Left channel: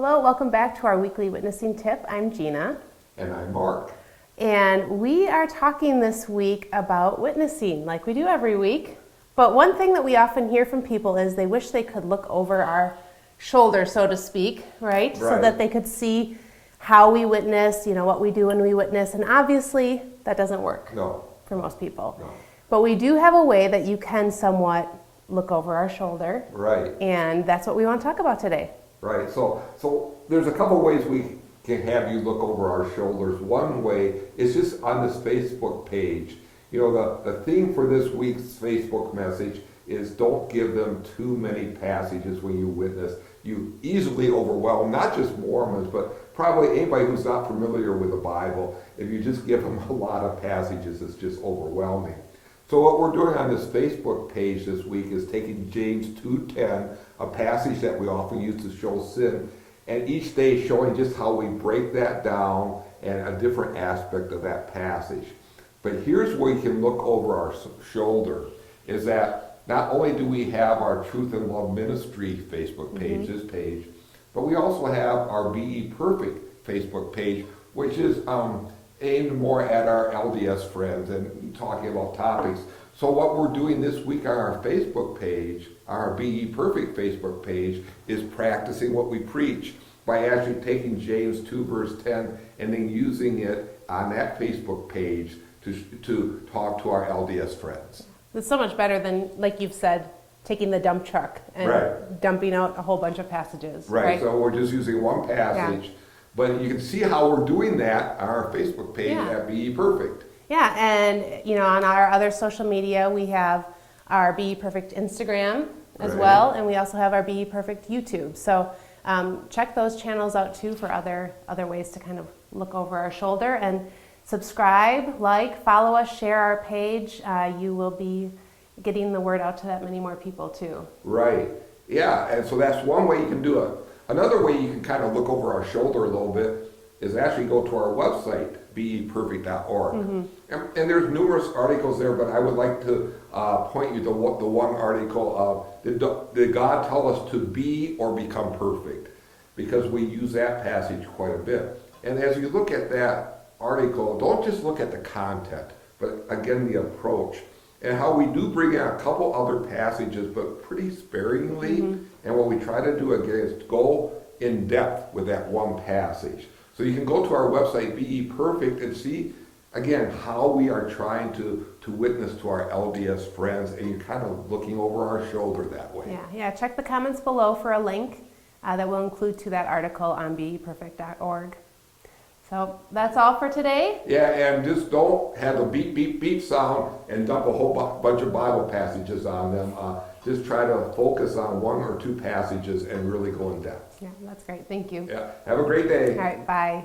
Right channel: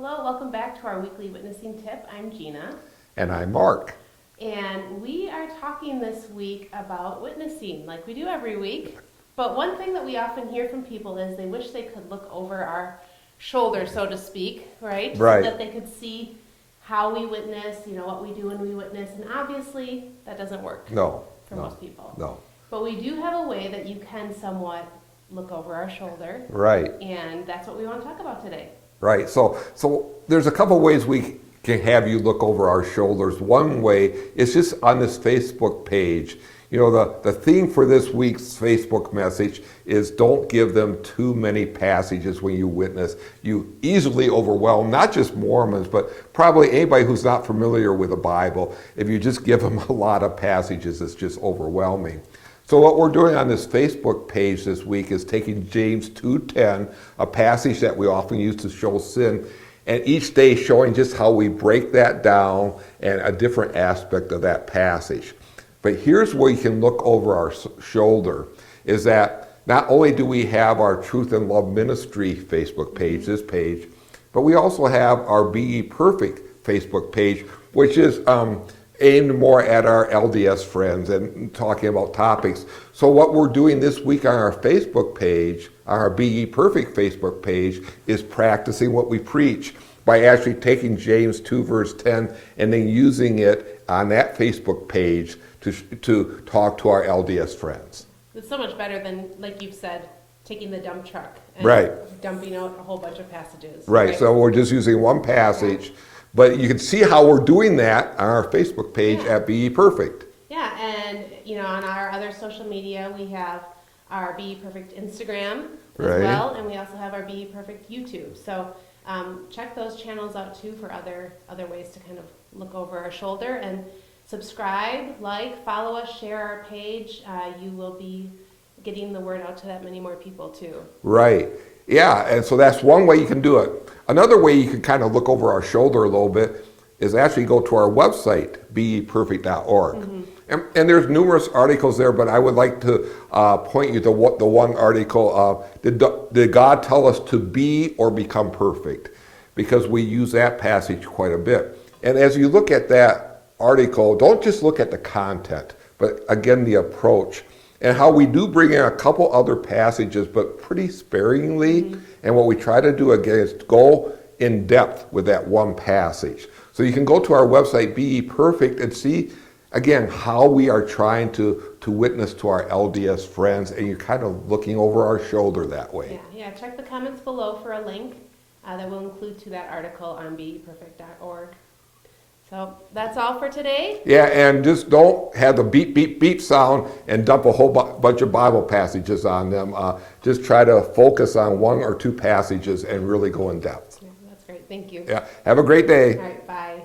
Hello, welcome back to our weekly witnessing tip. I'm Gina. And I'm Mark. And we are talking this week about witnessing, like we do every week. But one thing that we often hear from people is they wish they could look over our shoulder, so to speak, right? So that they could see how we witness, what we do when we witness. And obviously, that doesn't work for most people. No. But we do have a way that you can somewhat look over our shoulder. Right. And that's what we want to talk about today. Right. So there's a couple ways we can have you look over our shoulders. One way is just on this Facebook page. The theme for this week's Facebook message is don't give them too many passages when you witness. You easily overwhelm not just Mormons, but probably anybody who's not familiar with the Bible. If you just give them a lot of passages, it's just overwhelming. So what we're doing on this Facebook page this week is taking James 2:10, a passage that we often use to show sin, and each day showing just how we break that down and a different aspect of that passage. But here's where you can look over our shoulder, is that not only do we have our Truth and Love Ministry Facebook page, this page, but we also have our Be Ye Perfect Facebook page, which is aimed more at our LDS friends and talking about topics. So what we're doing this week on our Facebook page, our Be Ye Perfect Facebook page, is practicing what we preach by actually taking James 2 verse 10 and then using it on that Facebook page to talk to our LDS friends. It's so much better than, like you've said, taking the dump truck and dumping out a whole bunch of passages. Right, so we're just using one passage. Yeah. But you can see how we're doing that on our Facebook page at Be Ye Perfect. Yeah, and on our other social media, we have our Be Ye Perfect Instagram as well, and we also have our Be Ye Perfect YouTube. So check those channels out too for other ways to kind of look over our shoulder. And subscribe, follow us, share our page. You will be getting the word out to that many more people too. Right. Yeah, and so that's one way you can do it. Another way you can kind of look over our shoulder a little bit is actually go to our website, beyeperfect.org. And there's numerous articles there, but I would like to point you to the one article, did God tell us to be or become perfect? Because we use that passage quite a bit. And as you look at that article, don't just look at the content, but again, the approach. And how we do bring in a couple other passages, but pretty sparingly. And what we try to do again is go in depth with that one passage. So you can go to our website, Be Ye Perfect, and see, again, how we are trying to witness to our LDS friends, and you're kind of looking over our shoulder that way. Yeah. Check the comments below for a link that will include to that article on beyeperfect.org. So that's all for today. Yeah, and just don't have the beep, beep, beep sound and dump a whole bunch of Bible passages on them. Just try to focus on one or two passages and really go in depth. Yeah, that's great. Thank you. Yeah, have a great day. All right, bye.